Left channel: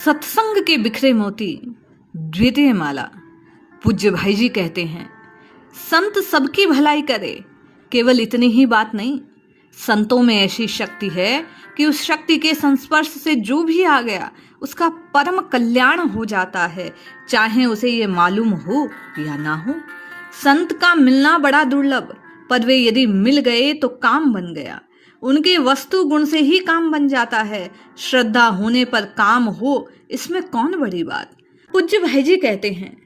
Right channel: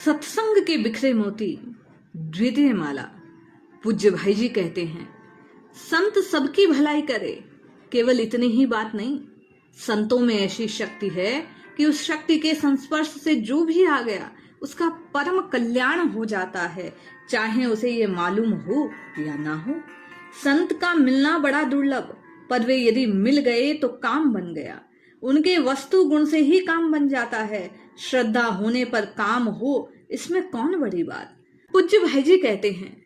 सत्संग के बिखरे मोती, द्वितीय माला। पूज्य भाई जी कहते हैं, संत सबकी भलाई करे, केवल इतनी ही बात नहीं, संतों में ऐसी शक्ति है कि उस शक्ति के संस्पर्श से जो भी आ गया उसका परम कल्याण हो जाता है, चाहे उसे ये मालूम हो या ना हो। संत का मिलना बड़ा दुर्लभ, पर वे यदि मिल गए तो काम बन गया। उनके वस्तु गुण से ही काम बन जाता है। श्रद्धा होने पर काम हो, इसमें कौन बड़ी बात। पूज्य भाई जी कहते हैं,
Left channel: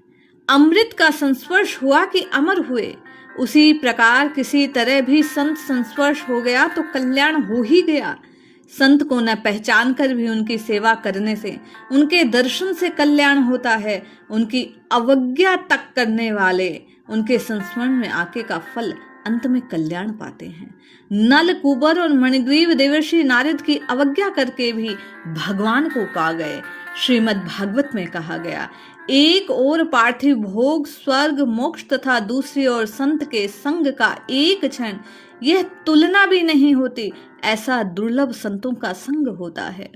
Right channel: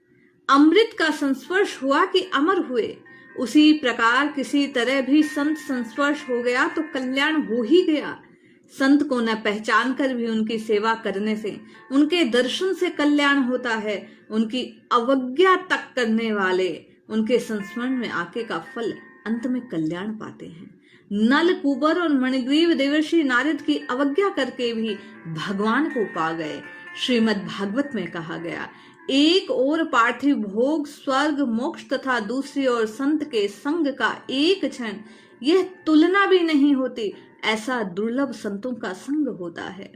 अमृत का संस्पर्श हुआ कि अमर हुए। उसी प्रकार किसी तरह भी संत संस्पर्श हो गया तो कल्याण हो ही गया। संत को न पहचान कर भी उनकी सेवा करने से, उनके दर्शन से कल्याण होता है। उनकी अवज्ञा तक करने वाले उनके संस्मरण में आके का फल अंत में कल्याण पाते हैं। नल कुबर और मणिग्रीव देवर्षि नारद की अवज्ञा करके भी भगवान को पा गए। श्रीमद् भागवत में कहा गया, एक ओर पार्थिव भोग स्वर्ग मोक्ष तथा दूसरी ओर संत के संग का एक क्षण, यह तुलना भी नहीं होती। ऐसा दुर्लभ संतों का संग होता है।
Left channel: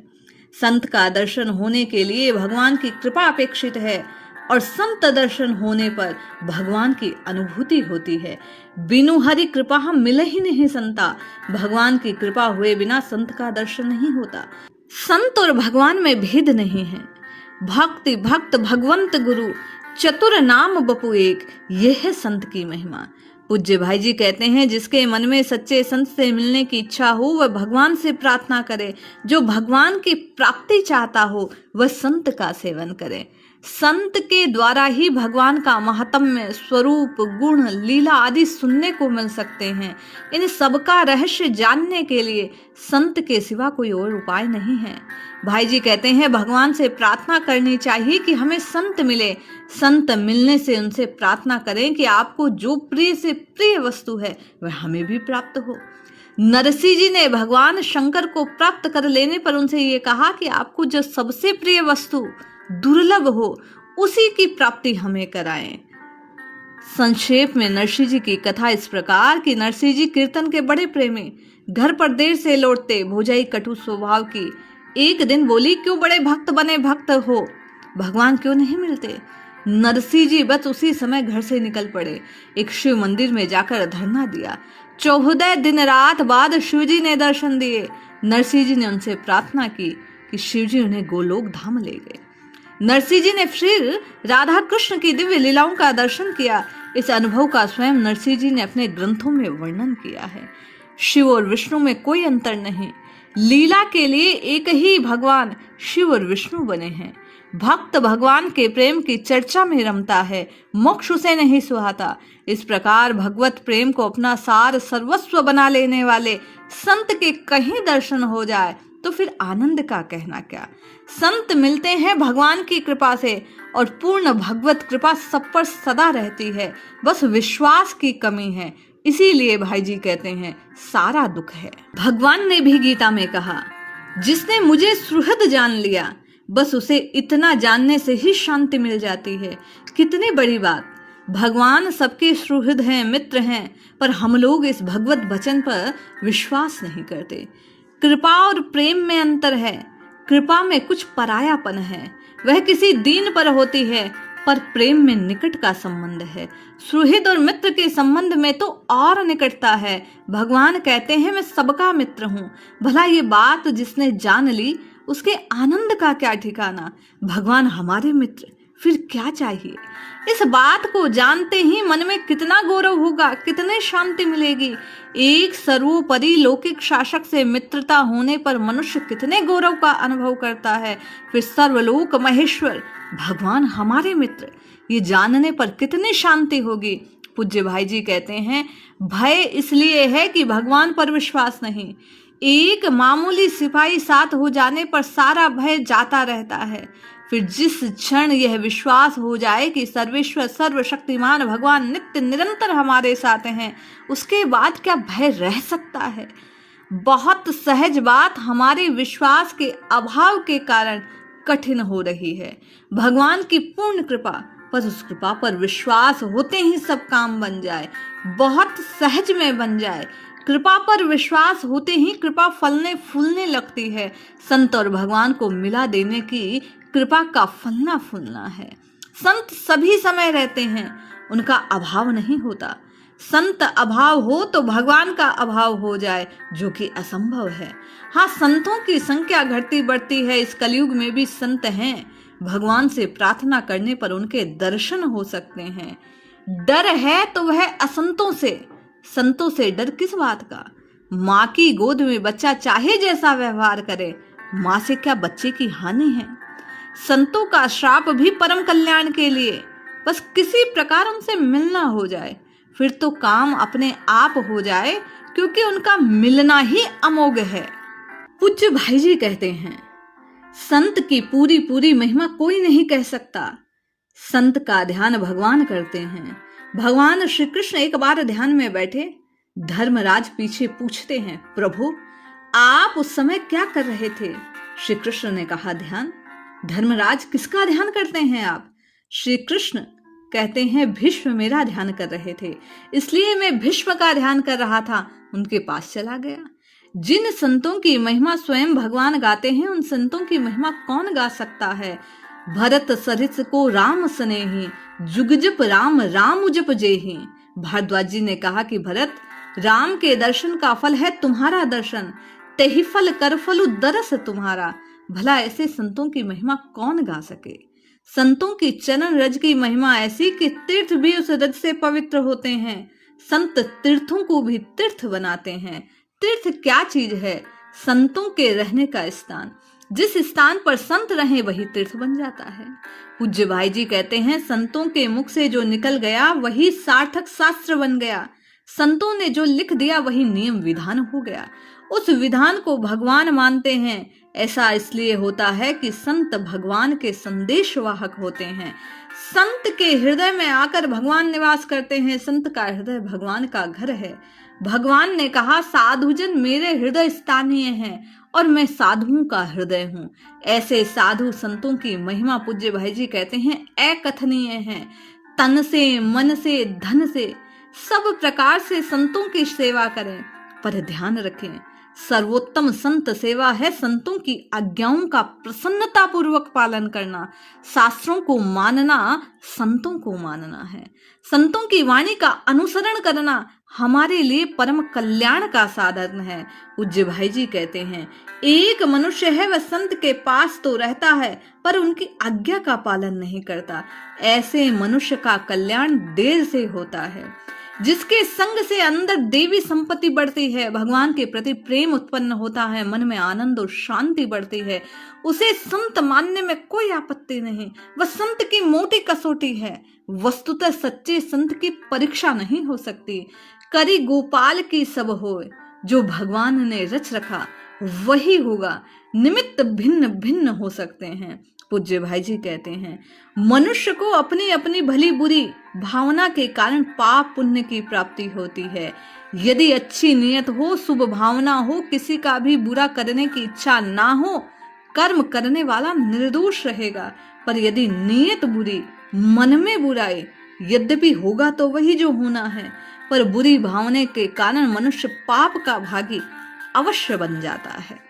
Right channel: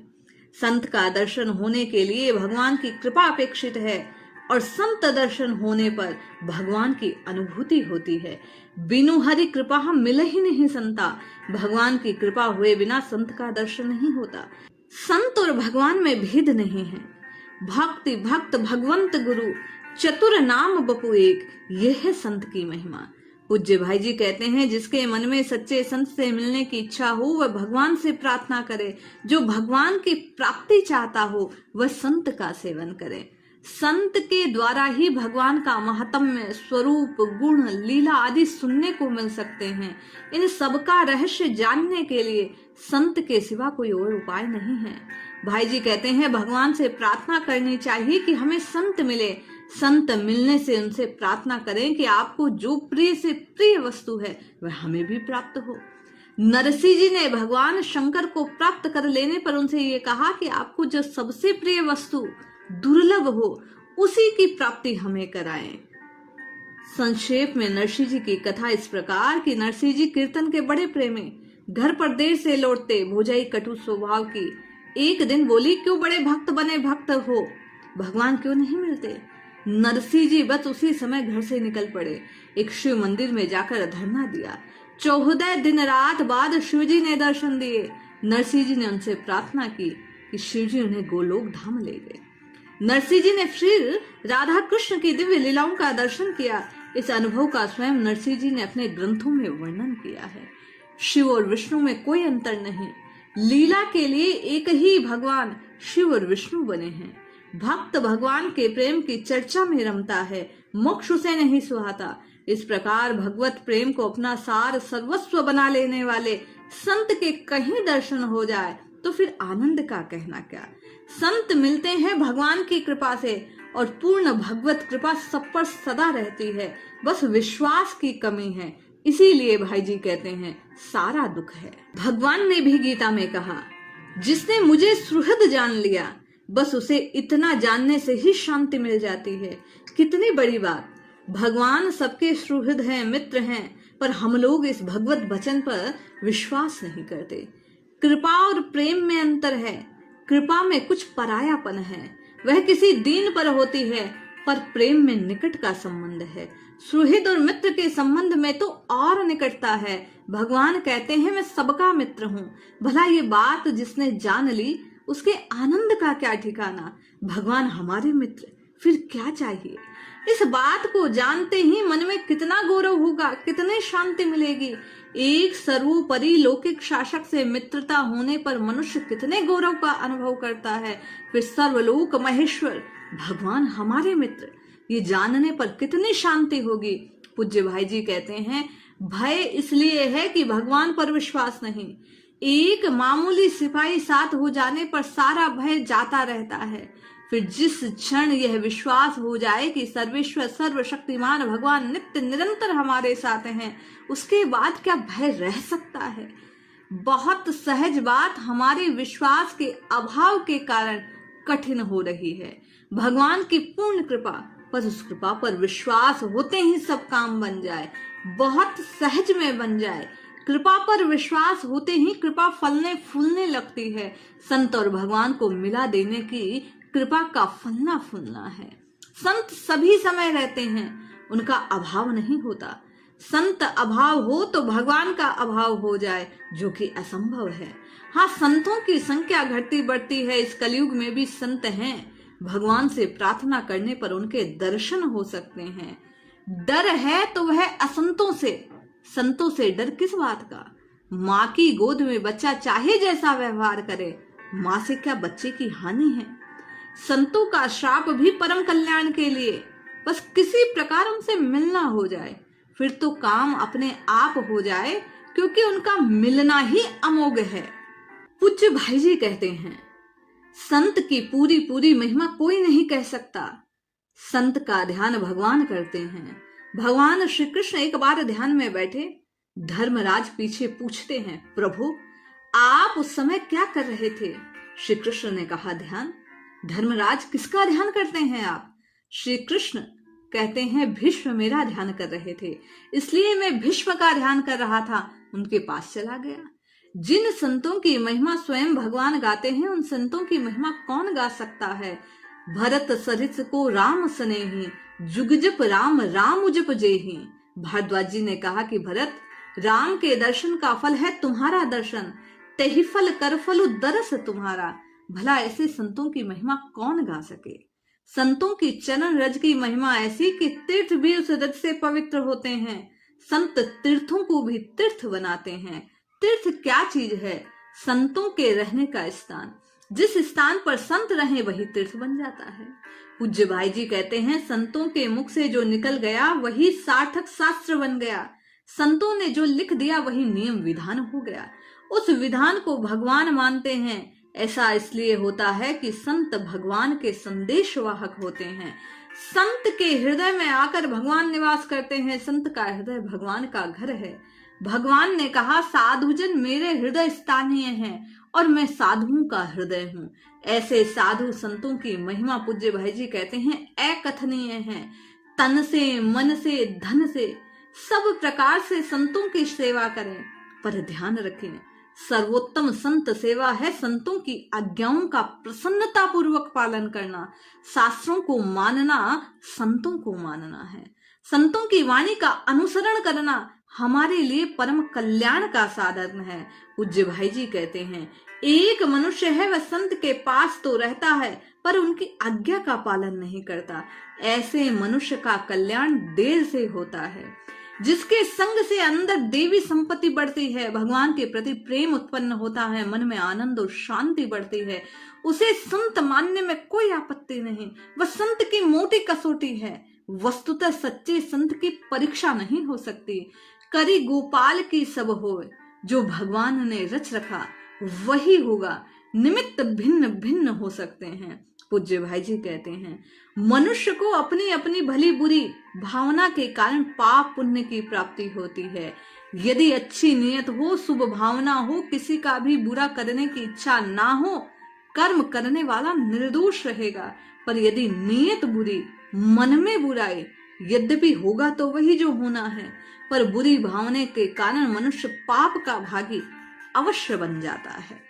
संत का दर्शन होने के लिए भगवान की कृपा अपेक्षित है और संत दर्शन होने पर भगवान की अनुभूति होती है। बिनु हरि कृपा हम मिले ही नहीं संता। भगवान की कृपा हुए बिना संत का दर्शन नहीं होता। संत और भगवान में भेद नहीं है। भक्ति भक्त भगवंत गुरु चतुर नाम बपु एक, यह है संत की महिमा। पूज्य भाई जी कहते हैं, जिसके मन में सच्चे संत से मिलने की इच्छा हो वह भगवान से प्रार्थना करे। जो भगवान की प्राप्ति चाहता हो वह संत का सेवन करे। संत के द्वारा ही भगवान का महात्म्य, स्वरूप, गुण, लीला आदि सुनने को मिल सकते हैं। इन सबका रहस्य जानने के लिए संत के सिवा कोई और उपाय नहीं है। भाई जी कहते हैं, भगवान से प्रार्थना करनी चाहिए कि हमें संत मिले। संत मिलने से उनसे प्रार्थना करें कि आपको जो प्रिय से प्रिय वस्तु है वह हमें भी प्राप्त हो। नरसिंह जी ने भगवान शंकर को प्राप्त कर लेने पर उनसे ये कहा कि आपको जो सबसे प्रिय वस्तु दुर्लभ हो उसी की प्राप्ति हमें कराएं। संक्षेप में नरसिंह जी की कथा इस प्रकार कि नरसिंह जी कीर्तन के बड़े प्रेमी, घर पर देर से लौटते, भोजाई कटु स्वभाव की। एक दिन बोली, क्यों बड़े भक्त बने भक्त हो, भगवान क्यों नहीं मिलते। नरसिंह जी बस उसी समय घर से निकल पड़े। एक शिव मंदिर में जाकर धरना दिया। 14 दिन रात बाद शिव जी ने दर्शन दिए। नरसिंह जी ने उनसे प्रार्थना की कि शिव जी उन्हें गोलोक धाम ले गए। नरसिंह जी ने फिर राधा कृष्ण की दिव्य लीलाओं का दर्शन किया। इस अनुभव का स्वयं नरसिंह जी ने अपने ग्रंथों में वर्णन किया है। शिव और विष्णु में कोई अंतर नहीं। लीला के लिए एक ही भगवान शिव और विष्णु बने हैं। भक्त भगवान के प्रेम की चर्चा में रमता है, मोक्ष उसे नहीं सुहाता। इस प्रकार भगवत प्रेम को अपना सार सर्वस्व बना लेने वाले संत के कहीं दर्शन हो जाए तो फिर आनंद का कहना क्या। संत मिलते हैं भगवान की कृपा से और पूर्ण भगवत कृपा सब पर सदा रहती है। बस विश्वास की कमी है। इसीलिए भाई जी कहते हैं, सारा दुख है। भगवान ने भी गीता में कहा, जिसने मुझे सुहृद जान लिया, बस उसे इतना जानने से ही शांति मिल जाती है। कितनी बड़ी बात। भगवान सबके सुहृद हैं, मित्र हैं, पर हम लोग इस भगवत वचन पर विश्वास नहीं करते। कृपा और प्रेम में अंतर है। कृपा में कुछ परायापन है, वह किसी दीन पर होती है, पर प्रेम में निकट का संबंध है। सुहृद और मित्र के संबंध में तो और निकटता है। भगवान कहते हैं, मैं सबका मित्र हूँ। भला ये बात जिसने जान ली उसके आनंद का क्या ठिकाना। भगवान हमारे मित्र, फिर क्या चाहिए। इस बात को जानते ही मन में कितना गौरव होगा, कितने शांति मिलेगी। एक सर्वोपरि लौकिक शासक से मित्रता होने पर मनुष्य कितने गौरव का अनुभव करता है। फिर सर्वलोक महेश्वर भगवान हमारे मित्र, ये जानने पर कितनी शांति होगी। पूज्य भाई जी कहते हैं, भय इसलिए है कि भगवान पर विश्वास नहीं। एक मामूली सिपाही साथ हो जाने पर सारा भय जाता रहता है। फिर जिस क्षण यह विश्वास हो जाए कि सर्वेश्वर सर्वशक्तिमान भगवान नित्य निरंतर हमारे साथ हैं, उसके बाद क्या भय रह सकता है। बहुत सहज बात हमारे विश्वास के अभाव के कारण कठिन हो रही है। भगवान की पूर्ण कृपा, बस उस कृपा पर विश्वास होते ही सब काम बन जाए, बहुत सहज में बन जाए। कृपा पर विश्वास होते ही कृपा फलने फूलने लगती है। संत और भगवान को मिला देने की कृपा का फलना फूलना है। संत सभी समय रहते हैं, उनका अभाव नहीं होता। संत अभाव हो तो भगवान का अभाव हो जाए, जो कि असंभव है। हाँ, संतों की संख्या घटती बढ़ती है। इस कलयुग में भी संत हैं। भगवान से प्रार्थना करने पर उनके दर्शन हो सकते हैं। डर है तो वह असंतों से, संतों से डर किस बात का। माँ की गोद में बच्चा चाहे जैसा व्यवहार करे, माँ से क्या बच्चे की हानि है। संतों का श्राप भी परम कल्याण के लिए, बस किसी प्रकार उनसे मिलना हो जाए, फिर तो काम अपने आप हो जाए, क्योंकि उनका मिलना ही अमोघ है। पूज्य भाई जी कहते हैं, संत की पूरी पूरी महिमा कोई नहीं कह सकता। संत का ध्यान भगवान करते हैं। भगवान श्री कृष्ण एक बार ध्यान में बैठे, धर्मराज पीछे पूछते हैं, प्रभु आप उस समय क्या कर रहे थे। श्री कृष्ण ने कहा, ध्यान। धर्मराज, किसका ध्यान करते हैं आप। श्री कृष्ण कहते हैं, भीष्म मेरा ध्यान कर रहे थे, इसलिए मैं भीष्म का ध्यान कर रहा था, उनके पास चला गया। जिन संतों की महिमा स्वयं भगवान गाते हैं, उन संतों की महिमा कौन गा सकता है। भरत सरिस को राम स्नेही, जुग जप राम राम जप जेही। भारद्वाज जी ने कहा कि भरत, राम के दर्शन का फल है तुम्हारा दर्शन, तेहि फल कर फलु दरस तुम्हारा। भला ऐसे संतों की महिमा कौन गा सके। संतों की चरण रज की महिमा ऐसी कि तीर्थ भी उस रज से पवित्र होते हैं। संत तीर्थों को भी तीर्थ बनाते हैं। तीर्थ क्या चीज है। संतों के रहने का स्थान, जिस स्थान पर संत रहे वही तीर्थ बन जाता है। पूज्य भाई जी कहते हैं, संतों के मुख से जो निकल गया वही सार्थक शास्त्र बन गया। संतों ने जो लिख दिया वही नियम विधान हो गया। उस विधान को भगवान मानते हैं। ऐसा इसलिए होता है कि संत भगवान के संदेश वाहक होते हैं। संत के हृदय में आकर भगवान निवास करते हैं। संत का हृदय भगवान का घर है। भगवान ने कहा, साधुजन मेरे हृदय स्थानीय हैं और मैं साधुओं का हृदय हूँ। ऐसे साधु संतों की महिमा पूज्य भाई जी कहते हैं अकथनीय है। तन से, मन से, धन से, सब प्रकार से संतों की सेवा करें, पर ध्यान रखें, सर्वोत्तम संत सेवा है संतों की आज्ञाओं का प्रसन्नता पूर्वक पालन करना। शास्त्रों को मानना संतों को मानना है। संतों की वाणी का अनुसरण करना हमारे लिए परम कल्याण का साधन है। पूज्य भाई जी कहते हैं, एक मनुष्य है, वह संत के पास तो रहता है पर उनकी आज्ञा का पालन नहीं करता। ऐसे मनुष्य का कल्याण देर से होता है। जिसके संग से अंदर देवी संपत्ति बढ़ती है, भगवान के प्रति प्रेम उत्पन्न होता है, मन में आनंद और शांति बढ़ती है, उसे संत मानने में कोई आपत्ति नहीं। वह संत की मोटी कसौटी है। वस्तुतः सच्चे संत की परीक्षा नहीं हो सकती। करी गोपाल की सब होए, जो भगवान ने रच रखा वही होगा। निमित्त भिन्न भिन्न हो सकते हैं। पूज्य भाई जी कहते हैं, मनुष्य को अपनी अपनी भली बुरी भावना के कारण पाप पुण्य की प्राप्ति होती है। यदि अच्छी नियत हो, शुभ भावना हो, किसी का भी बुरा करने की इच्छा ना हो, कर्म करने वाला निर्दोष रहेगा। पर यदि नियत बुरी, मन में बुराई, यद्यपि होगा तो वही जो होना है, पर बुरी भावना के कारण मनुष्य पाप का भागी अवश्य बन जाता है।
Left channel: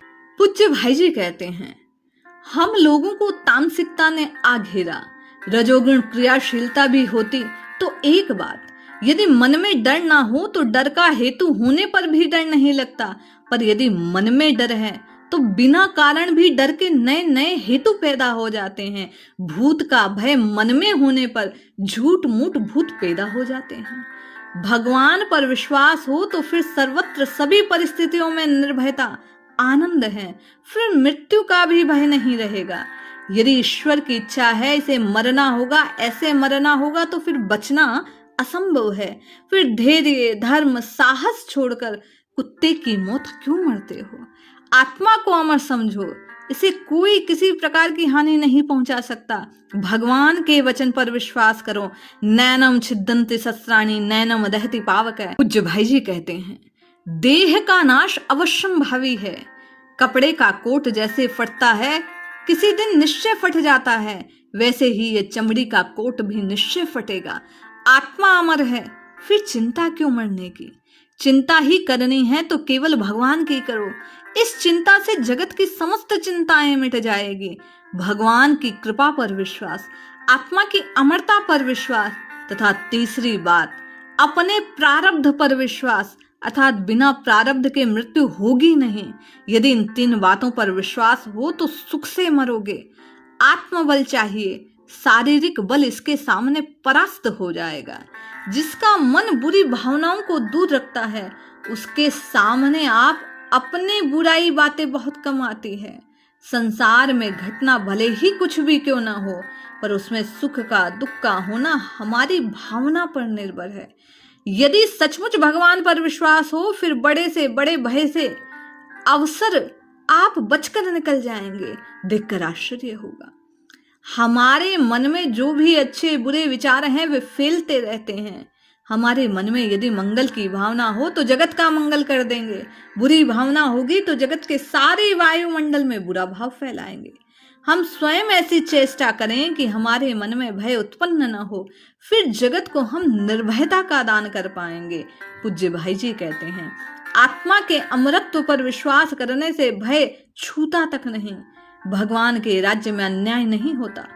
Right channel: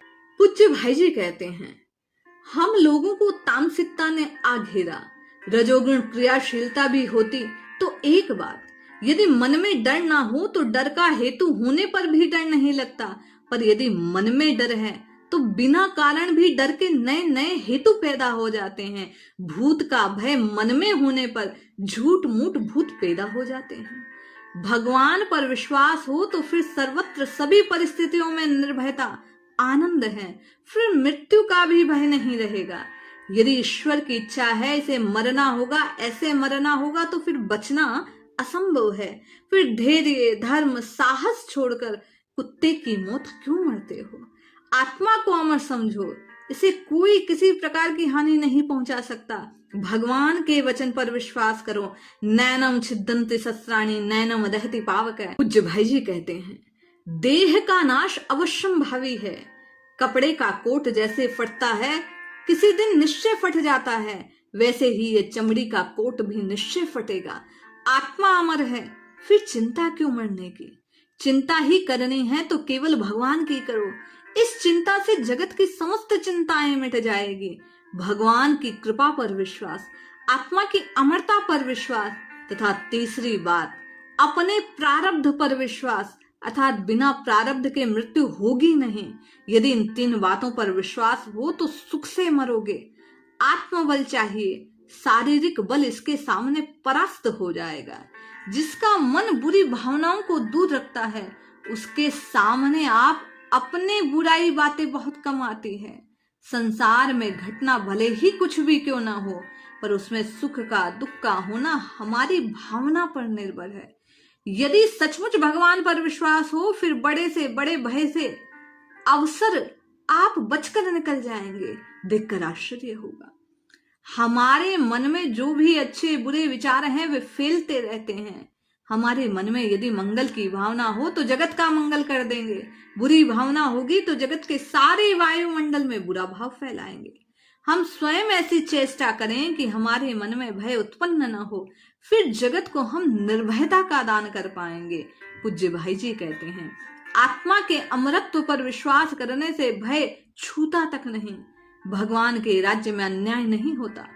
पूज्य भाई जी कहते हैं, हम लोगों को तामसिकता ने आ घेरा, रजोगुण क्रियाशीलता भी होती तो एक बात, यदि मन में डर ना हो तो डर का हेतु होने पर भी डर नहीं लगता। पर यदि मन में डर है तो बिना कारण भी डर के नए नए हेतु पैदा हो जाते हैं। भूत का भय मन में होने पर झूठ मूठ भूत पैदा हो जाते हैं। भगवान पर विश्वास हो तो फिर सर्वत्र सभी परिस्थितियों में निर्भयता, आनंद है, फिर मृत्यु का भी भय नहीं रहेगा। यदि ईश्वर की इच्छा है इसे मरना होगा, ऐसे मरना होगा, तो फिर बचना असंभव है। फिर धैर्य, धर्म, साहस छोड़कर कुत्ते की मौत क्यों मरते हो। आत्मा को अमर समझो, इसे कोई किसी प्रकार की हानि नहीं पहुंचा सकता। भगवान के वचन पर विश्वास करो। नैनम छिदन्ति शस्त्राणि नैनम दहति पावक। पूज्य भाई जी कहते हैं, देह का नाश अवश्यम भावी है। कपड़े का कोट जैसे फटता है, किसी दिन निश्चय फट जाता है, वैसे ही ये चमड़ी का कोट भी निश्चय फटेगा। आत्मा अमर है, फिर चिंता क्यों मरने की। चिंता ही करनी है तो केवल भगवान की करो। इस चिंता से जगत की समस्त चिंताएं मिट जाएगी। भगवान की कृपा पर विश्वास, आत्मा की अमरता पर विश्वास तथा तीसरी बात अपने प्रारब्ध पर विश्वास, अर्थात बिना प्रारब्ध के मृत्यु होगी नहीं। यदि इन 3 बातों पर विश्वास हो तो सुख से मरोगे। आत्मबल चाहिए, शारीरिक बल इसके सामने परास्त हो जाएगा। जिसका मन बुरी भावनाओं को दूर रखता है उसके सामने आप अपने बुराई बातें बहुत कम आती है। संसार में घटना भले ही कुछ भी क्यों ना हो, पर उसमें सुख का दुख का होना हमारी भावना पर निर्भर है। यदि सचमुच भगवान पर विश्वास हो, फिर बड़े से बड़े भय से अवसर आप बचकर निकल जाएंगे। देखकर आश्चर्य होगा। हमारे मन में जो भी अच्छे बुरे विचार हैं वे फैलते रहते हैं। हमारे मन में यदि मंगल की भावना हो तो जगत का मंगल कर देंगे। बुरी भावना होगी तो जगत के सारे वायुमंडल में बुरा भाव फैलाएंगे। हम स्वयं ऐसी चेष्टा करें कि हमारे मन में भय उत्पन्न न हो, फिर जगत को हम निर्भयता का दान कर पाएंगे। पूज्य भाई जी कहते हैं, आत्मा के अमरत्व पर विश्वास करने से भय छूता तक नहीं। भगवान के राज्य में अन्याय नहीं होता।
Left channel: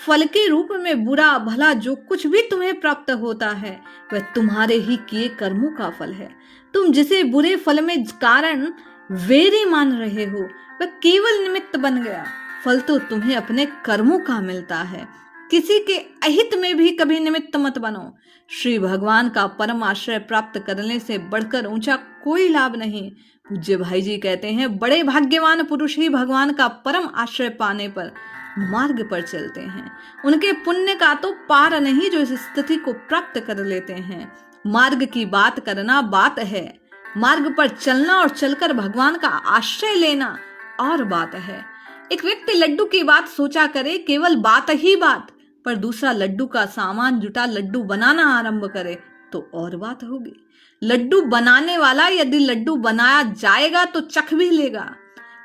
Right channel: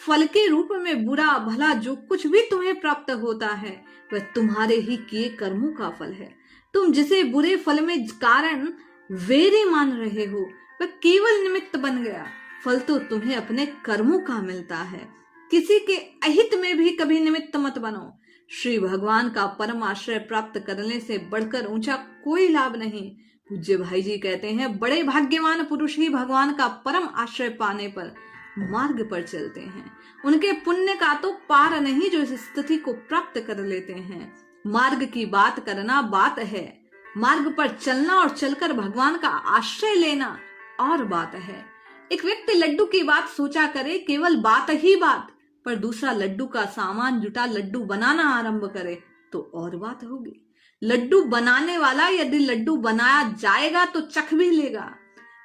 फल के रूप में बुरा भला जो कुछ भी तुम्हें प्राप्त होता है वह तुम्हारे ही किए कर्मों का फल है। तुम जिसे बुरे फल में कारण वेरी मान रहे हो वह केवल निमित्त बन गया। फल तो तुम्हें अपने कर्मों का मिलता है। किसी के अहित में भी कभी निमित्त मत बनो। श्री भगवान का परम आश्रय प्राप्त करने से बढ़कर ऊंचा कोई लाभ नहीं। पूज्य भाई जी कहते हैं, बड़े भाग्यवान पुरुष ही भगवान का परम आश्रय पाने पर मार्ग पर चलते हैं। उनके पुण्य का तो पार नहीं जो इस स्थिति को प्राप्त कर लेते हैं। मार्ग की बात करना बात है, मार्ग पर चलना और चलकर भगवान का आश्रय लेना और बात है। एक व्यक्ति लड्डू की बात सोचा करे, केवल बात ही बात, पर दूसरा लड्डू का सामान जुटा लड्डू बनाना आरंभ करे तो और बात होगी। लड्डू बनाने वाला यदि लड्डू बनाया जाएगा तो चख भी लेगा।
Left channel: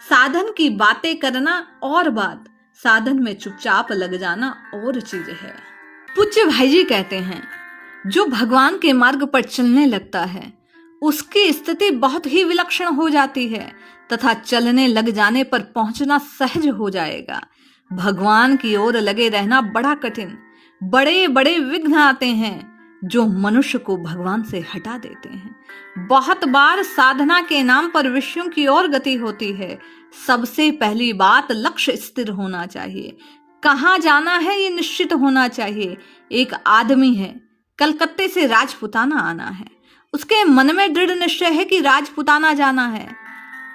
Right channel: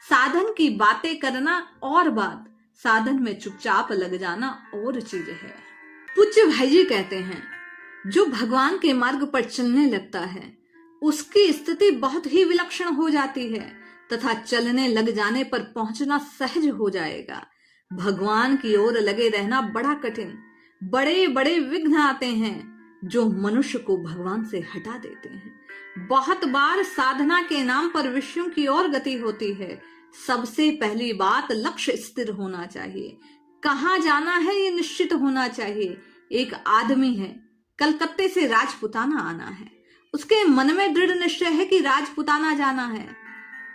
साधन की बातें करना और बात, साधन में चुपचाप लग जाना और चीज है। पूज्य भाई जी कहते हैं, जो भगवान के मार्ग पर चलने लगता है उसकी स्थिति बहुत ही विलक्षण हो जाती है तथा चलने लग जाने पर पहुंचना सहज हो जाएगा। भगवान की ओर लगे रहना बड़ा कठिन, बड़े बड़े विघ्न आते हैं जो मनुष्य को भगवान से हटा देते हैं। बहुत बार साधना के नाम पर विषयों की ओर गति होती है। सबसे पहली बात लक्ष्य स्थिर होना चाहिए। कहाँ जाना है ये निश्चित होना चाहिए। एक आदमी है, कलकत्ते से राजपुताना आना है। उसके मन में दृढ़ निश्चय है कि राजपुताना जाना है।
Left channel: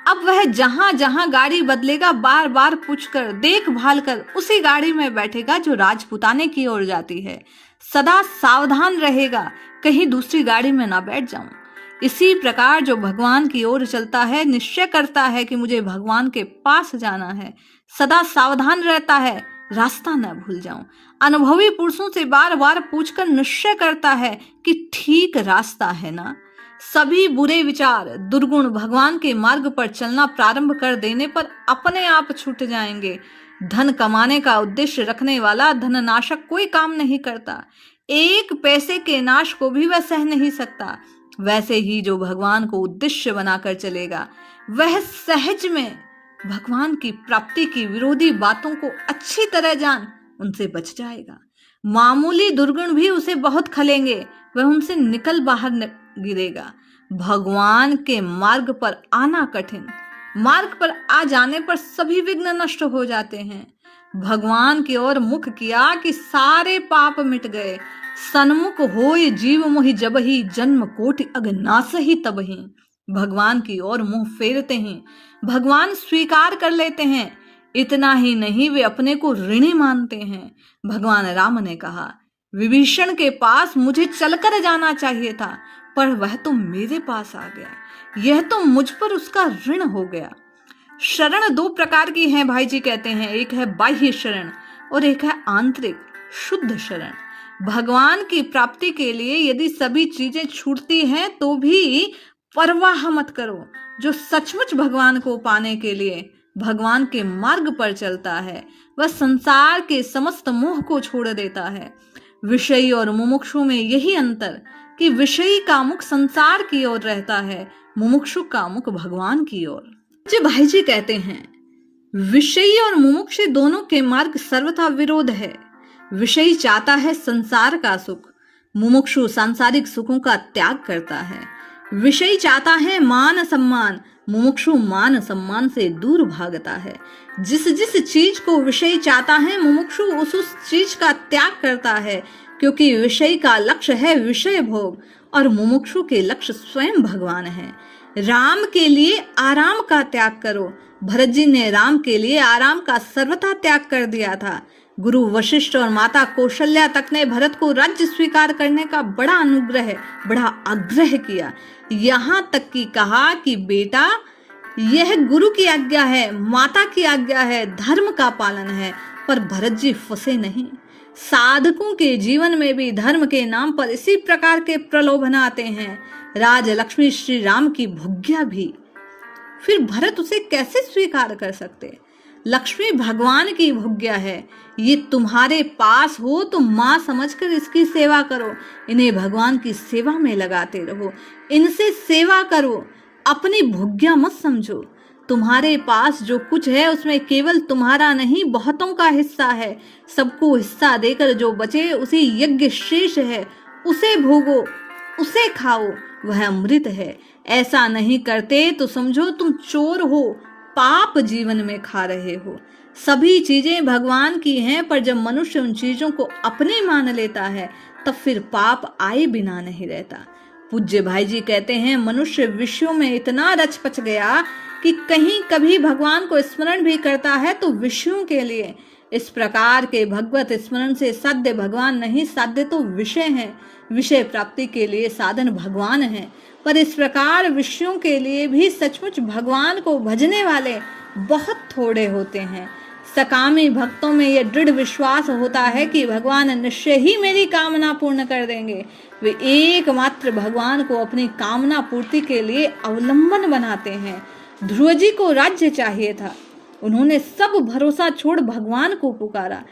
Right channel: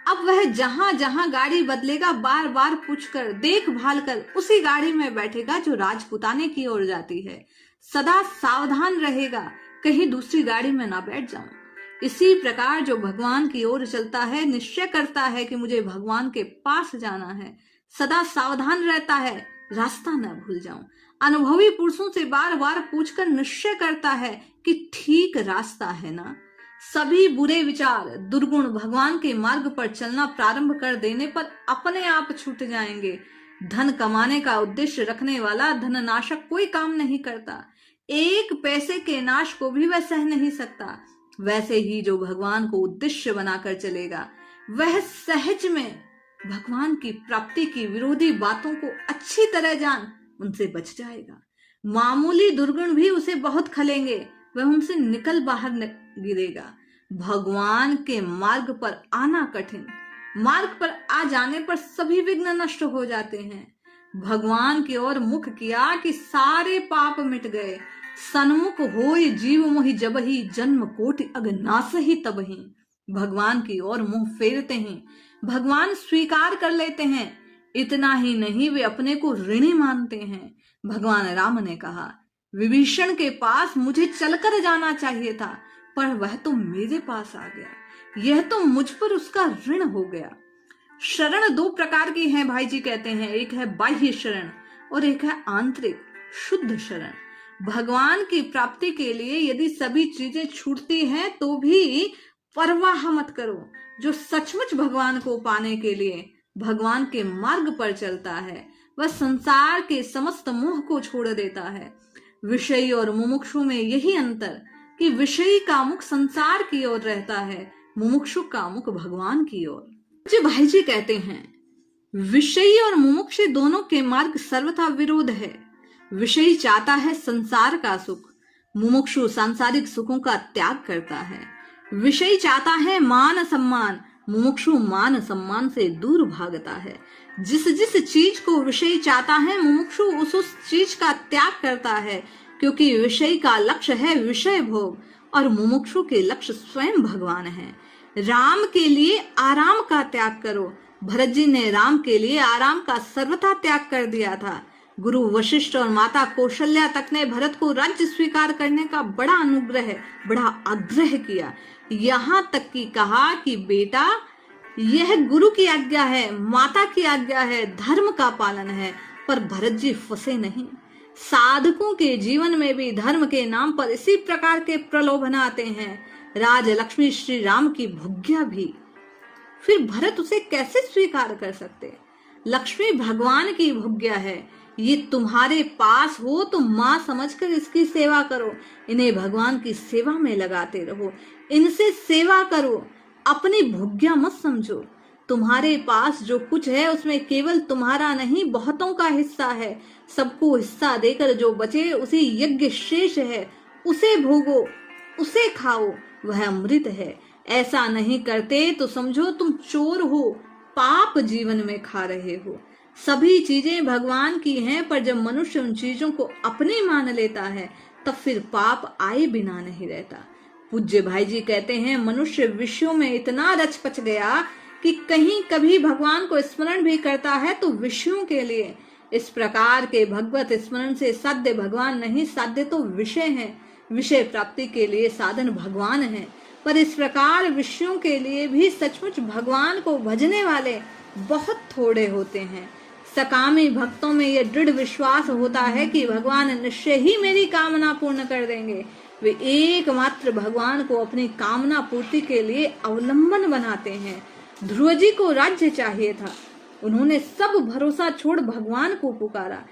अब वह जहां जहां गाड़ी बदलेगा बार बार पूछकर देखभाल कर उसी गाड़ी में बैठेगा जो राजपुताने की ओर जाती है। सदा सावधान रहेगा कहीं दूसरी गाड़ी में ना बैठ जाऊं। इसी प्रकार जो भगवान की ओर चलता है, निश्चय करता है कि मुझे भगवान के पास जाना है, सदा सावधान रहता है रास्ता न भूल जाऊं। अनुभवी पुरुषों से बार बार पूछकर निश्चय करता है कि ठीक रास्ता है ना। सभी बुरे विचार, दुर्गुण भगवान के मार्ग पर चलना प्रारंभ कर देने पर अपने आप छूट जाएंगे। धन कमाने का उद्देश्य रखने वाला धननाशक कोई काम नहीं करता। एक पैसे के नाश को भी वह सह नहीं सकता। वैसे ही जो भगवान को उद्देश्य बनाकर चलेगा वह सहज में भगवान की प्राप्ति की विरोधी बातों को अच्छी तरह जान उनसे बच जाएगा। मामूली दुर्गुण भी उसे बहुत खलेंगे, वह उनसे निकल बाहर गिरेगा। भगवान के मार्ग पर आना कठिन, मार्ग पर आ जाने पर सभी विघ्न नष्ट हो जाते हैं। भगवान की ओर मुख किया कि सारे पाप मिट गए। सन्मुख होय जीव मोहि जबहि, जन्म कोटि अगनास ही तबहि। भगवान की ओर मुंह फेरते हैं, भगवान स्वीकार कर लेते हैं। इतना ही नहीं, वे अपने को ऋणी मानते हैं। भगवान राम ने कहा, विभीषण के पास मुझे चलकर जाना चाहिए था, पर वह तो मेरे पास आ गया, यह तो मुझ पर उसका ऋण हो गया। शरण 2 प्रकार की है भाई जी कहते हैं, एक है बाह्य शरण और एक है आंतरिक शुद्ध शरण। भगवान की प्राप्ति के लिए यदि सभी चीजें छूटती हैं तो भी परवाह मत करो। जो सचमुच भगवान को पाने के लिए भगवान के मार्ग पर चलता है वह संसार के समस्त मोह को छोड़ देता है। विषयी और मुमुक्षु में यही अंतर कि विषयी का मुख संसार की ओर रहता है, मुमुक्षु का मुख भगवान की ओर। जी भाई जी कहते हैं, विषयी और मुमुक्षु दोनों के मार्ग सर्वथा विरोध है। विषयी चाहता है संसार का सुख, मुमुक्षु सांसारिक सुखों का त्याग करता है। विषयी चाहता है मान सम्मान, मुमुक्षु मान सम्मान से दूर भागता है। जिस जिस चीज को विषयी चाहता है, मुमुक्षु उस चीज का त्याग करता है, क्योंकि विषयी का लक्ष्य है विषय भोग और मुमुक्षु के लक्ष्य स्वयं भगवान है। राम के लिए आराम का त्याग करो। भरत जी ने राम के लिए आराम का सर्वथा त्याग कर दिया था। गुरु वशिष्ठ और माता कौशल्या तक ने भरत को राज्य स्वीकार करने का बड़ा आग्रह किया। यहाँ तक कि कहा कि बेटा, यह गुरु की आज्ञा है, माता की आज्ञा है, धर्म का पालन है। पर भरत जी फंसे नहीं। साधकों के जीवन में भी धर्म के नाम पर इसी प्रकार के प्रलोभन आते हैं। राज लक्ष्मी श्री राम की भुग्या भी, फिर भरत उसे कैसे स्वीकार कर सकते? लक्ष्मी भगवान की भुग्या है। ये तुम्हारे पास हो तो माँ समझकर इसकी सेवा करो। इन्हें भगवान की सेवा में लगाते रहो, इनसे सेवा करो, अपनी भुग्या मत समझो। तुम्हारे पास जो कुछ है उसमें केवल तुम्हारा नहीं, बहुतों का हिस्सा है। सबको हिस्सा देकर जो बचे उसी यज्ञ शेष है। उसे भोगो, उसे खाओ, वह अमृत है। ऐसा नहीं करते तो समझो तुम चोर हो, पाप जीवन में खा रहे हो। सभी चीजें भगवान की हैं, पर जब मनुष्य उन चीजों को अपनी मान लेता है तब फिर पाप आए बिना नहीं रहता। पूज्य भाई जी कहते हैं, मनुष्य विषयों में इतना रच पच गया कि कहीं कभी भगवान को स्मरण भी करता है तो विषयों के लिए। इस प्रकार के भगवत स्मरण से साध्य भगवान नहीं, साध्य तो विषय है। विषय प्राप्ति के लिए साधन भगवान है, पर इस प्रकार विषयों के लिए भी सचमुच भगवान को भजने वाले बहुत थोड़े होते हैं। सकामी भक्तों में यह दृढ़ विश्वास होता है कि भगवान निश्चय ही मेरी कामना पूर्ण कर देंगे। वे एकमात्र भगवान को अपनी कामना पूर्ति के लिए अवलंबन बनाते हैं। ध्रुव जी को राज्य चाहिए था, उन्होंने सब भरोसा छोड़ भगवान को पुकारा।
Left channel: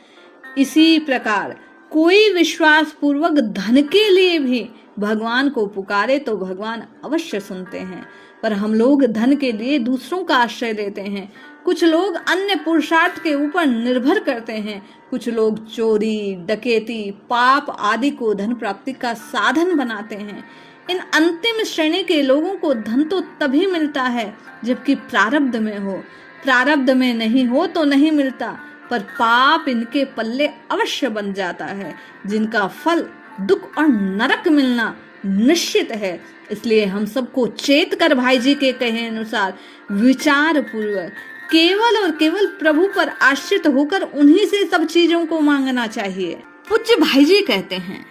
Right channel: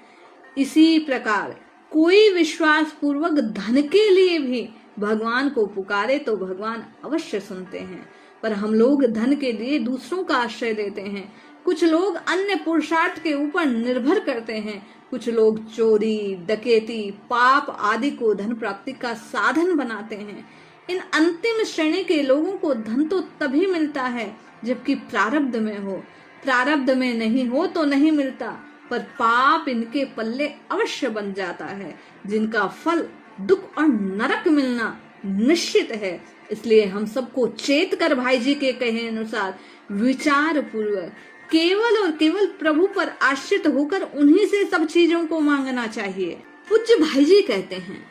इसी प्रकार कोई विश्वास पूर्वक धन के लिए भी भगवान को पुकारे तो भगवान अवश्य सुनते हैं। पर हम लोग धन के लिए दूसरों का आश्रय लेते हैं। कुछ लोग अन्य पुरुषार्थ के ऊपर निर्भर करते हैं। कुछ लोग चोरी, डकैती, पाप आदि को धन प्राप्ति का साधन बनाते हैं। इन अंतिम श्रेणी के लोगों को धन तो तभी मिलता है जबकि प्रारब्ध में हो। प्रारब्ध में नहीं हो तो नहीं मिलता, पर पाप इनके पल्ले अवश्य बन जाता है, जिनका फल दुख और नरक मिलना निश्चित है। इसलिए हम सबको चेत कर भाई जी के कहे अनुसार विचार पूर्वक केवल और केवल प्रभु पर आश्रित होकर उन्हीं से सब चीजों को मांगना चाहिए। पूज्य भाई जी कहते हैं,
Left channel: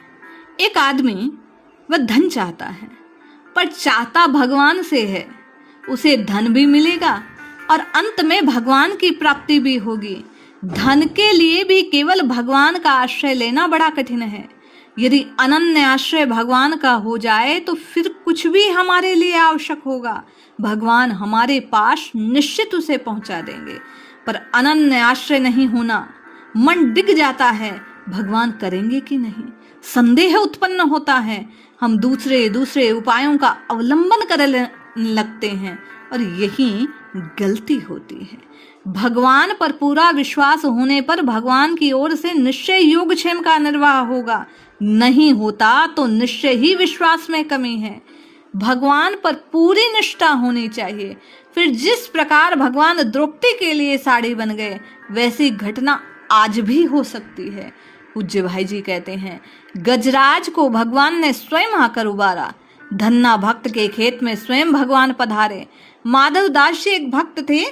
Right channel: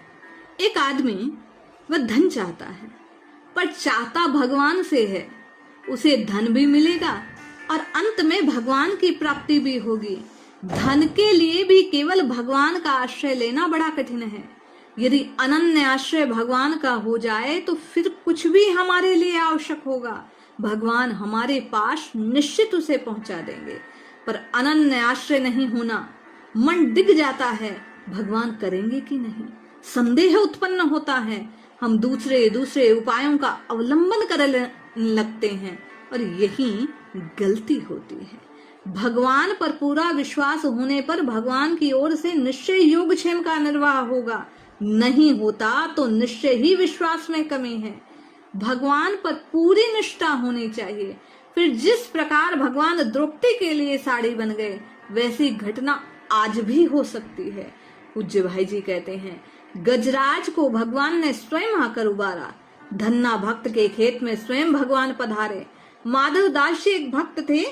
एक आदमी वह धन चाहता है, पर चाहता भगवान से है। उसे धन भी मिलेगा और अंत में भगवान की प्राप्ति भी होगी। धन के लिए भी केवल भगवान का आश्रय लेना बड़ा कठिन है। यदि अनन्य आश्रय भगवान का हो जाए तो फिर कुछ भी हमारे लिए आवश्यक होगा, भगवान हमारे पास निश्चित उसे पहुंचा देंगे। पर अनन्य आश्रय नहीं होना, मन डिग जाता है, भगवान करेंगे कि नहीं, संदेह उत्पन्न होता है। हम दूसरे उपायों का अवलंबन करने लगते हैं और यही गलती होती है। भगवान पर पूरा विश्वास होने पर भगवान की ओर से निश्चय योगक्षेम का निर्वाह होगा। नहीं होता तो निश्चय ही विश्वास में कमी है। भगवान पर पूरी निष्ठा होनी चाहिए। फिर जिस प्रकार भगवान द्रौपदी के लिए साड़ी बन गए, वैसी घटना आज भी हो सकती है। पूज्य भाई जी कहते हैं, गजराज को भगवान ने स्वयं आकर उबारा। धन्ना भक्त के खेत में स्वयं भगवान पधारे। माधव दास जी एक भक्त थे,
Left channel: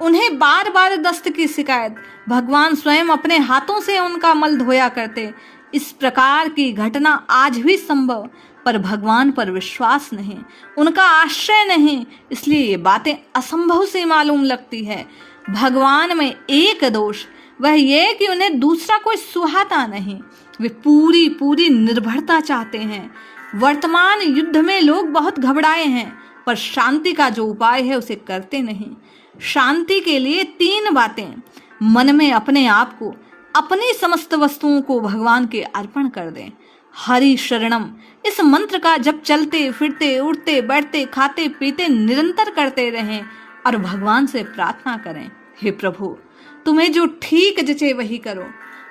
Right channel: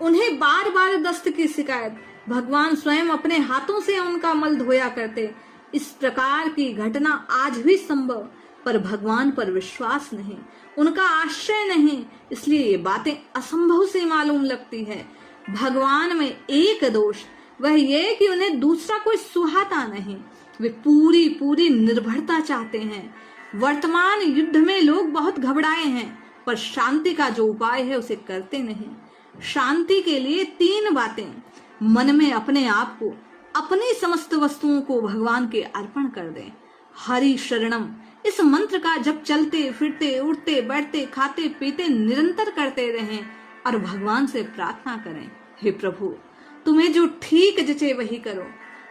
उन्हें बार बार दस्त की शिकायत, भगवान स्वयं अपने हाथों से उनका मल धोया करते। इस प्रकार की घटना आज भी संभव, पर भगवान पर विश्वास नहीं, उनका आश्रय नहीं, इसलिए ये बातें असंभव से मालूम लगती है। भगवान में एक दोष, वह ये कि उन्हें दूसरा कोई सुहाता नहीं। वे पूरी निर्भरता चाहते हैं। वर्तमान युद्ध में लोग बहुत घबराए हैं, पर शांति का जो उपाय है उसे करते नहीं। शांति के लिए 3 बातें, मन में अपने आप को, अपनी समस्त वस्तुओं को भगवान के अर्पण कर दें। हरि शरणम इस मंत्र का जब चलते फिरते, उठते बैठते, खाते पीते निरंतर करते रहें। और भगवान से प्रार्थना करें, हे प्रभु तुम्हें जो ठीक जचे वही करो।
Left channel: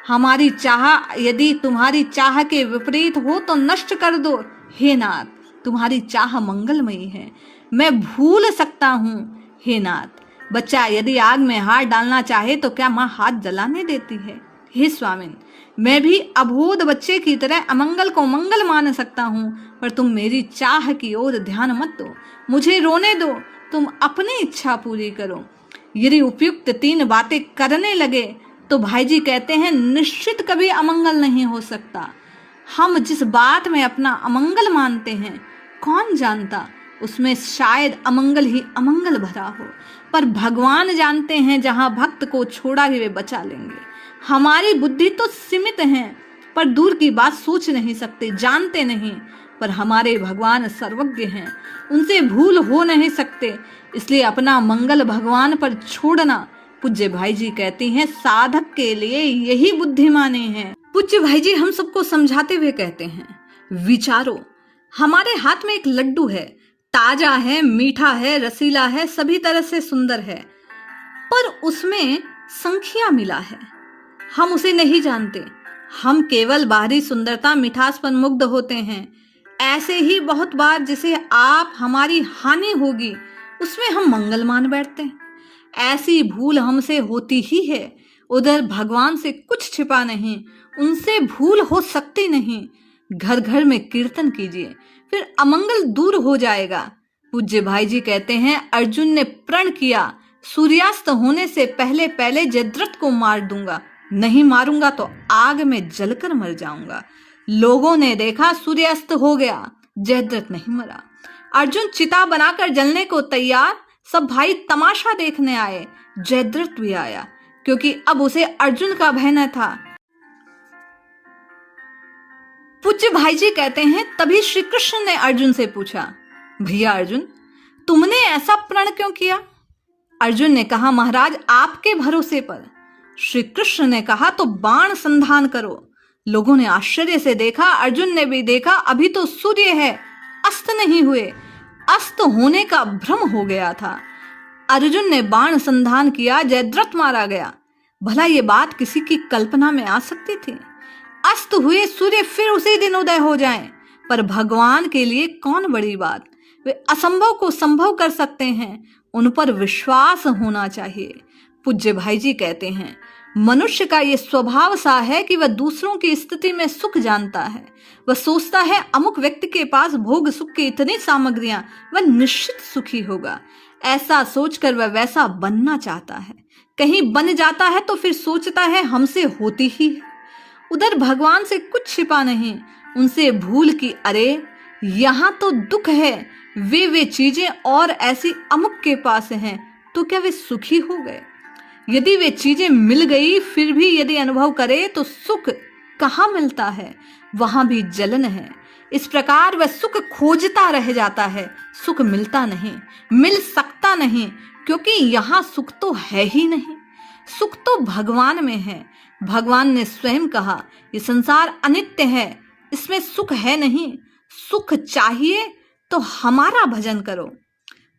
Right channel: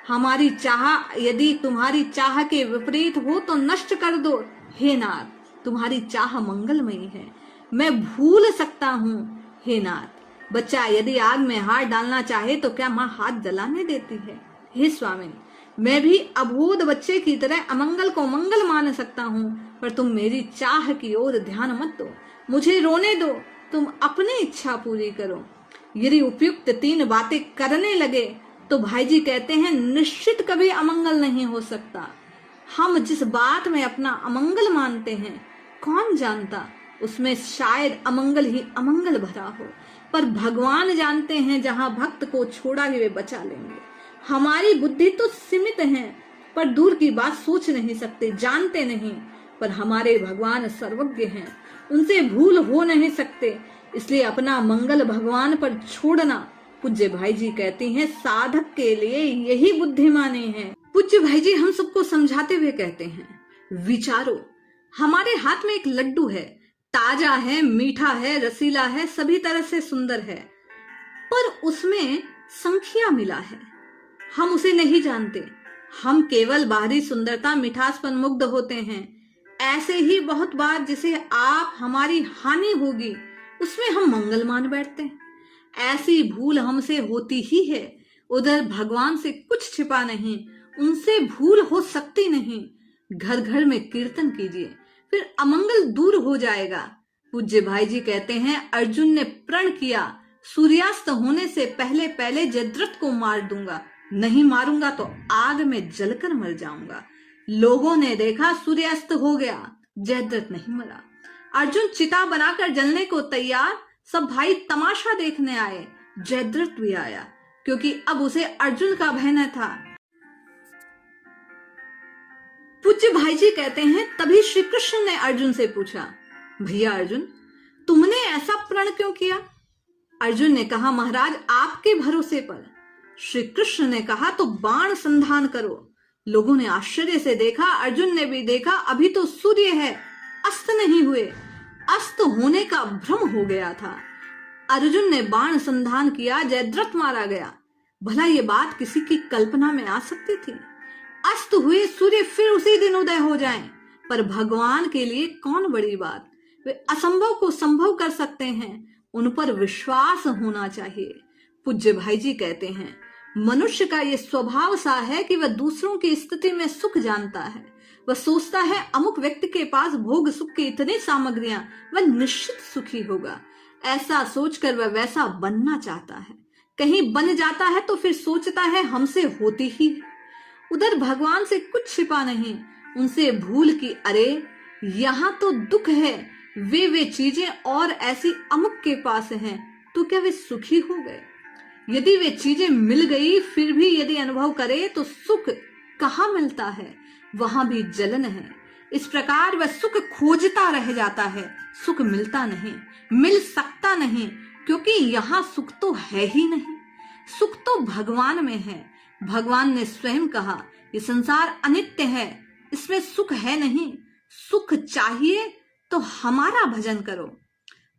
हमारी चाह यदि तुम्हारी चाह के विपरीत हो तो नष्ट कर दो। हे नाथ तुम्हारी चाह मंगलमयी है, मैं भूल सकता हूँ। हे नाथ बच्चा यदि आग में हाथ डालना चाहे तो क्या माँ हाथ जलाने देती है? हे स्वामिन मैं भी अबोध बच्चे की तरह अमंगल को मंगल मान सकता हूँ, पर तुम मेरी चाह की ओर ध्यान मत दो, मुझे रोने दो, तुम अपनी इच्छा पूरी करो। यदि उपयुक्त 3 बातें करने लगे तो भाई जी कहते हैं निश्चित कभी अमंगल नहीं हो सकता। हम जिस बात में अपना अमंगल मानते हैं कौन जानता उसमें शायद अमंगल ही अमंगल भरा हो, पर भगवान जानते हैं जहां भक्त को छोड़ा भी वे बचा लेंगे। हमारी बुद्धि तो सीमित है, पर दूर की बात सोच नहीं सकते, जानते नहीं, पर हमारे भगवान सर्वज्ञ हैं, उनसे भूल हो नहीं सकते, इसलिए अपना मंगल भगवान पर छोड़ना। पूज्य भाई जी कहती हैं साधक के लिए यही बुद्धिमानी है। पूज्य भाई जी हम सबको समझाते हुए कहते हैं विचारो, हमारे हाथ में एक लड्डू है, ताजा है, मीठा है, रसीला है, सभी तरह से सुंदर है, पर उसमें संख्या मिला है, हम उसे नहीं जानते। हम केवल बाहरी सुंदरता मिठास पर मुग्ध होते हैं। ऐसे ही बहुत बार जिसे आप हमारी हानि होगी उसमें हम मंगल मान बैठते हैं। ऐसी भूल हमसे होती ही है। उधर भगवान से कुछ छिपा नहीं, उनसे भूल हो सकती नहीं। घर घर में कीर्तन कीजिए, फिर अमंगल दूर हो जाएगा। पूज्य भाई जी कहते हैं अर्जुन ने प्रण किया सूर्यास्त होने से पहले पहले जयद्रथ को मार दूंगा, नहीं मारूंगा तो आग में जलकर मर जाऊंगा। लोगों ने देखा सूर्यास्त हो गया, जयद्रथ नहीं मरा। अर्जुन चिता बनाकर जलने को तैयार, सब भाई तमाशा देखने आए, जयद्रथ भी आया क्योंकि अब उसे अर्जुन का भय न था। पूज्य भाई जी कहते हैं तभी श्री कृष्ण ने अर्जुन से पूछा भैया अर्जुन तुमने ऐसा प्रण क्यों किया? अर्जुन ने कहा महाराज आपके भरोसे पर। श्री कृष्ण ने कहा तो बाण संधान करो। लोगों ने आश्चर्य से देखा, अर्जुन ने भी देखा, अभी तो सूर्य है, अस्त नहीं हुए, अस्त होने का भ्रम हो गया था। अर्जुन ने बाण संधान किया, जयद्रथ मारा गया। भला ये बात किसी की कल्पना में आ सकती थी? अस्त हुए सूर्य फिर उसी दिन उदय हो जाएं, पर भगवान के लिए कौन बड़ी बात, वे असंभव को संभव कर सकते हैं, उन पर विश्वास होना चाहिए। पूज्य भाई जी कहते हैं मनुष्य का ये स्वभाव सा है कि वह दूसरों की स्थिति में सुख जानता है। वह सोचता है अमुक व्यक्ति के पास भोग सुख की इतनी सामग्रियां, वह निश्चित सुखी होगा। ऐसा सोचकर वह वैसा बनना चाहता है, कहीं बन जाता है तो फिर सोचता है हमसे होती ही है। उधर भगवान से कुछ छिपा नहीं, उनसे भूल की अरे यहाँ तो दुख है, वे चीजें और ऐसी अमुक के पास हैं, तो क्या वे सुखी हो गए? यदि वे चीजें मिल गई फिर भी यदि अनुभव करे तो सुख कहाँ मिलता है, वहां भी जलन है। इस प्रकार वह सुख खोजता रह जाता है, सुख मिलता नहीं, मिल सकता नहीं, क्योंकि यहाँ सुख तो है ही नहीं। सुख तो भगवान में है। भगवान ने स्वयं कहा ये संसार अनित्य है, इसमें सुख है नहीं, सुख चाहिए तो हमारा भजन करो।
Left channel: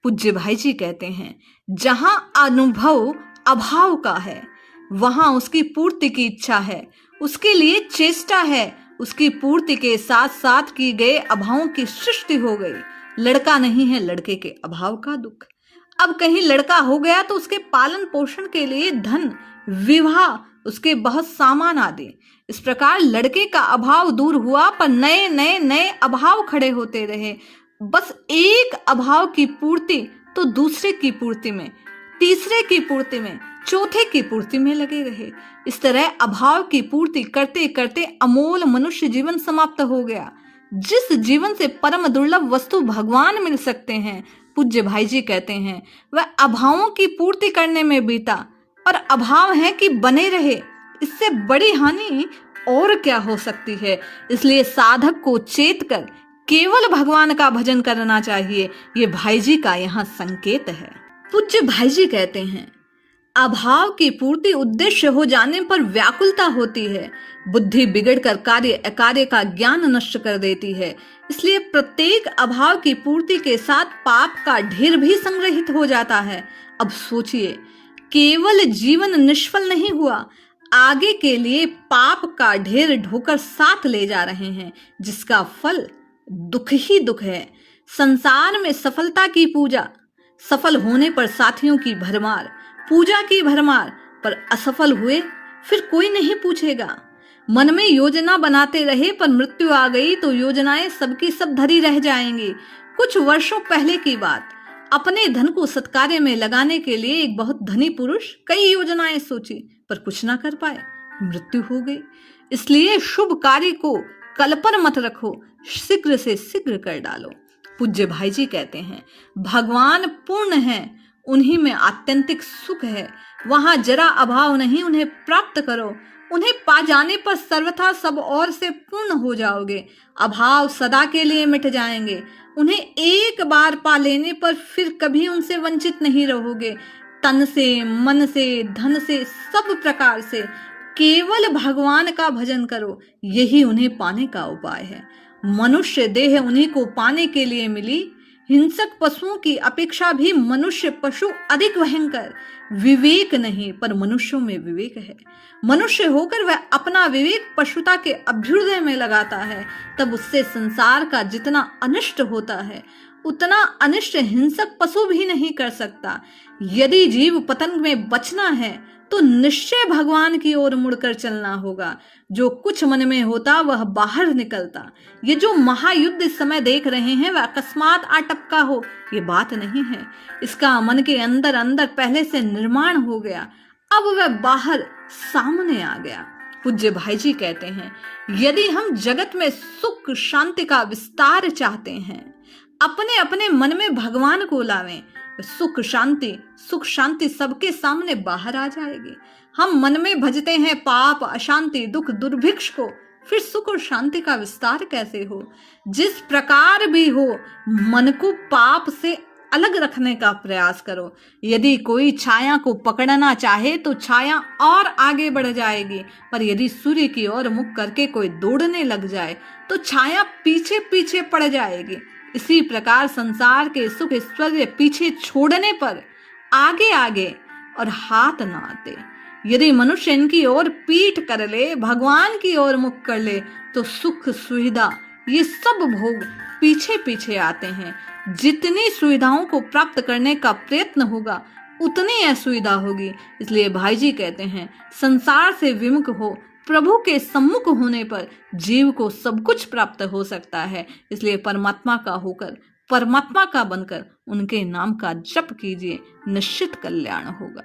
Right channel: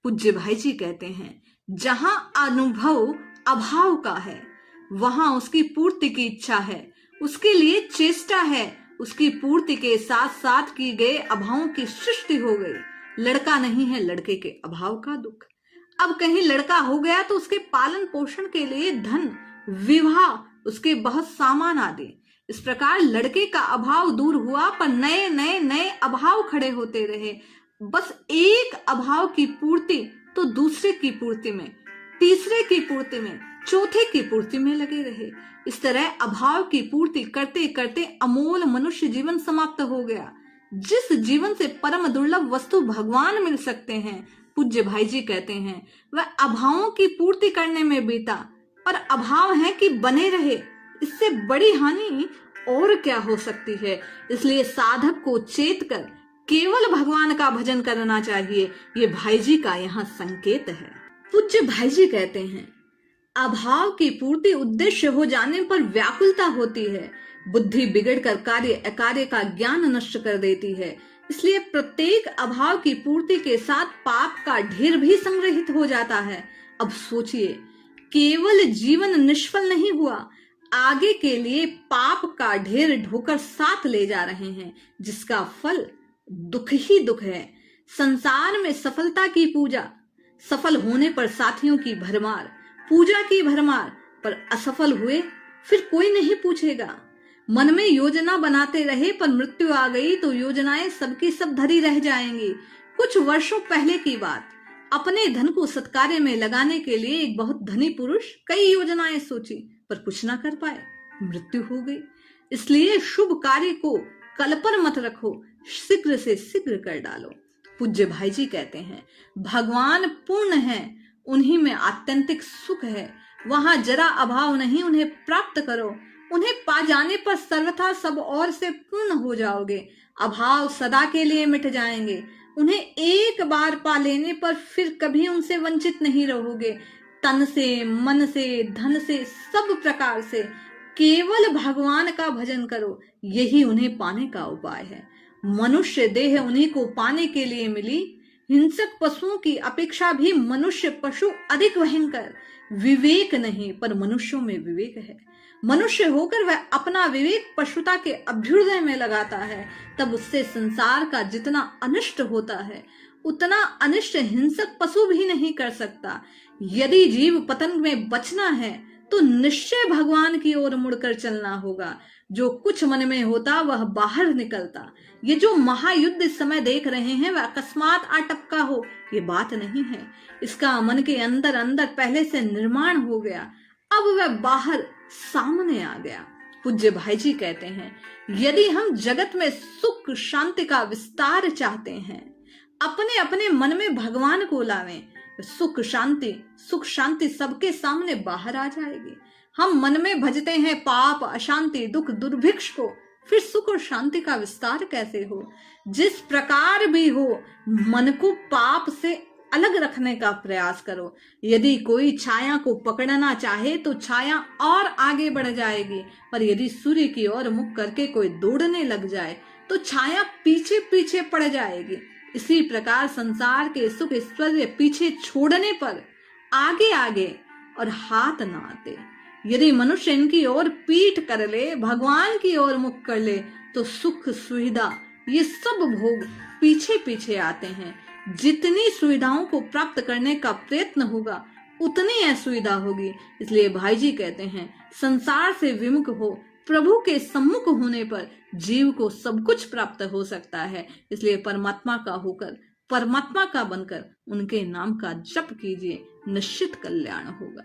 पूज्य भाई जी कहते हैं जहां अनुभव अभाव का है वहां उसकी पूर्ति की इच्छा है, उसके लिए चेष्टा है, उसकी पूर्ति के साथ साथ की गए अभावों की सृष्टि हो गई। लड़का नहीं है, लड़के के अभाव का दुख। अब कहीं लड़का हो गया तो उसके पालन पोषण के लिए धन, विवाह, उसके बहुत सामान आदि। इस प्रकार लड़के का अभाव दूर हुआ, पर नए नए नए अभाव खड़े होते रहे। बस एक अभाव की पूर्ति तो दूसरे की पूर्ति में, तीसरे की पूर्ति में, चौथे की पूर्ति में लगे रहे। इस तरह अभाव की पूर्ति करते करते अमोल मनुष्य जीवन समाप्त हो गया। जिस जीवन से परम दुर्लभ वस्तु भगवान मिल सकते हैं, पूज्य भाई जी कहते हैं वह अभावों की पूर्ति करने में बीता, और अभाव है कि बने रहे, इससे बड़ी हानि और क्या हो सकती है। इसलिए साधक को चेत कर केवल भगवान का भजन करना चाहिए। ये भाई जी का यहाँ संकेत है। पूज्य भाई जी कहते हैं अभाव की पूर्ति उद्देश्य हो जाने पर व्याकुलता होती है, बुद्धि बिगड़कर कार्य अकार्य का ज्ञान नष्ट कर देती है। इसलिए प्रत्येक अभाव की पूर्ति के साथ पाप का ढेर भी संग्रहित हो जाता है। अब सोचिए, केवल जीवन निष्फल नहीं हुआ, आगे के लिए पाप का ढेर ढोकर साथ ले जा रहे हैं, जिसका फल दुख ही दुख है। संसार में सफलता की पूजा, सफल होने पर साथियों की भरमार, पूजा की भरमार, पर असफल हुए फिर कोई नहीं पूछेगा। मन में योजना बनाते रहे पर मृत्यु आ गई तो योजनाएं सबकी सब धरी रह जाएंगी। कुछ वर्षों पहले की बात, अपने धन को सत्कार्य में लगाने के लिए एक बहुत धनी पुरुष कई योजनाएं सोची पर कुछ ना कर पाए, मृत्यु हो गई। इसलिए शुभ कार्य को कल पर मत रखो, शीघ्र से शीघ्र कर डालो। पूज्य भाई जी कहते हैं, भगवान पूर्ण है, उन्हीं में आत्यंतिक सुख है। वहां जरा अभाव नहीं, उन्हें प्राप्त करो। उन्हें पा जाने पर सर्वथा सब और से पूर्ण हो जाओगे। अभाव सदा के लिए मिट जाएंगे। उन्हें एक बार पा लेने पर फिर कभी उनसे वंचित नहीं रहोगे। तन से, मन से, धन से, सब प्रकार से केवल भगवान का भजन करो, यही उन्हें पाने का उपाय है। मनुष्य देह उन्हीं को पाने के लिए मिली। हिंसक पशुओं की अपेक्षा भी मनुष्य पशु अधिक भयंकर। विवेक नहीं पर मनुष्यों में विवेक है। मनुष्य होकर वह अपना विवेक पशुता के अभ्युदय में लगाता है, तब उससे संसार का जितना अनिष्ट होता है उतना अनिष्ट हिंसक पशु भी नहीं कर सकता। यदि जीव पतन में बचना है तो निश्चय भगवान की ओर मुड़कर चलना होगा। जो कुछ मन में होता वह बाहर निकलता। ये जो महायुद्ध इस समय देख रहे हैं वह अकस्मात आ टपका हो, ये बात नहीं है। इसका मन के अंदर अंदर पहले से निर्माण हो गया, अब वह बाहर सामने आ गया। पूज्य भाई जी कहते हैं, यदि हम जगत में सुख शांति का विस्तार चाहते हैं, अपने अपने मन में भगवान को लावें, सुख शांति सबके सामने बाहर आ जाएगी। हम मन में भजते हैं पाप, अशांति, दुख, दुर्भिक्ष को, फिर सुख और शांति का विस्तार कैसे हो? जिस प्रकार भी हो, मन को पाप से अलग रखने का प्रयास करो। यदि कोई छाया को पकड़ना चाहे तो छाया और आगे बढ़ जाएगी, पर यदि सूर्य की ओर मुख करके कोई दौड़ने लग जाए तो छाया पीछे पीछे पड़ जाएगी। इसी प्रकार संसार के सुख ऐश्वर्य पीछे छोड़ने पर आगे आगे और हाथ न आते। यदि मनुष्य इनकी ओर पीठ कर ले, भगवान की ओर मुख कर ले, तो सुख सुविधा ये सब भोग पीछे पीछे आते हैं। जितनी सुविधाओं को प्राप्त करने का प्रयत्न होगा उतनी असुविधा होगी। इसलिए भाई जी कहते हैं, संसार से विमुख हो, प्रभु के सम्मुख होने पर जीव को सब कुछ प्राप्त हो सकता है। इसलिए परमात्मा का होकर, परमात्मा का बनकर उनके नाम का जप कीजिए, निश्चित कल्याण होगा।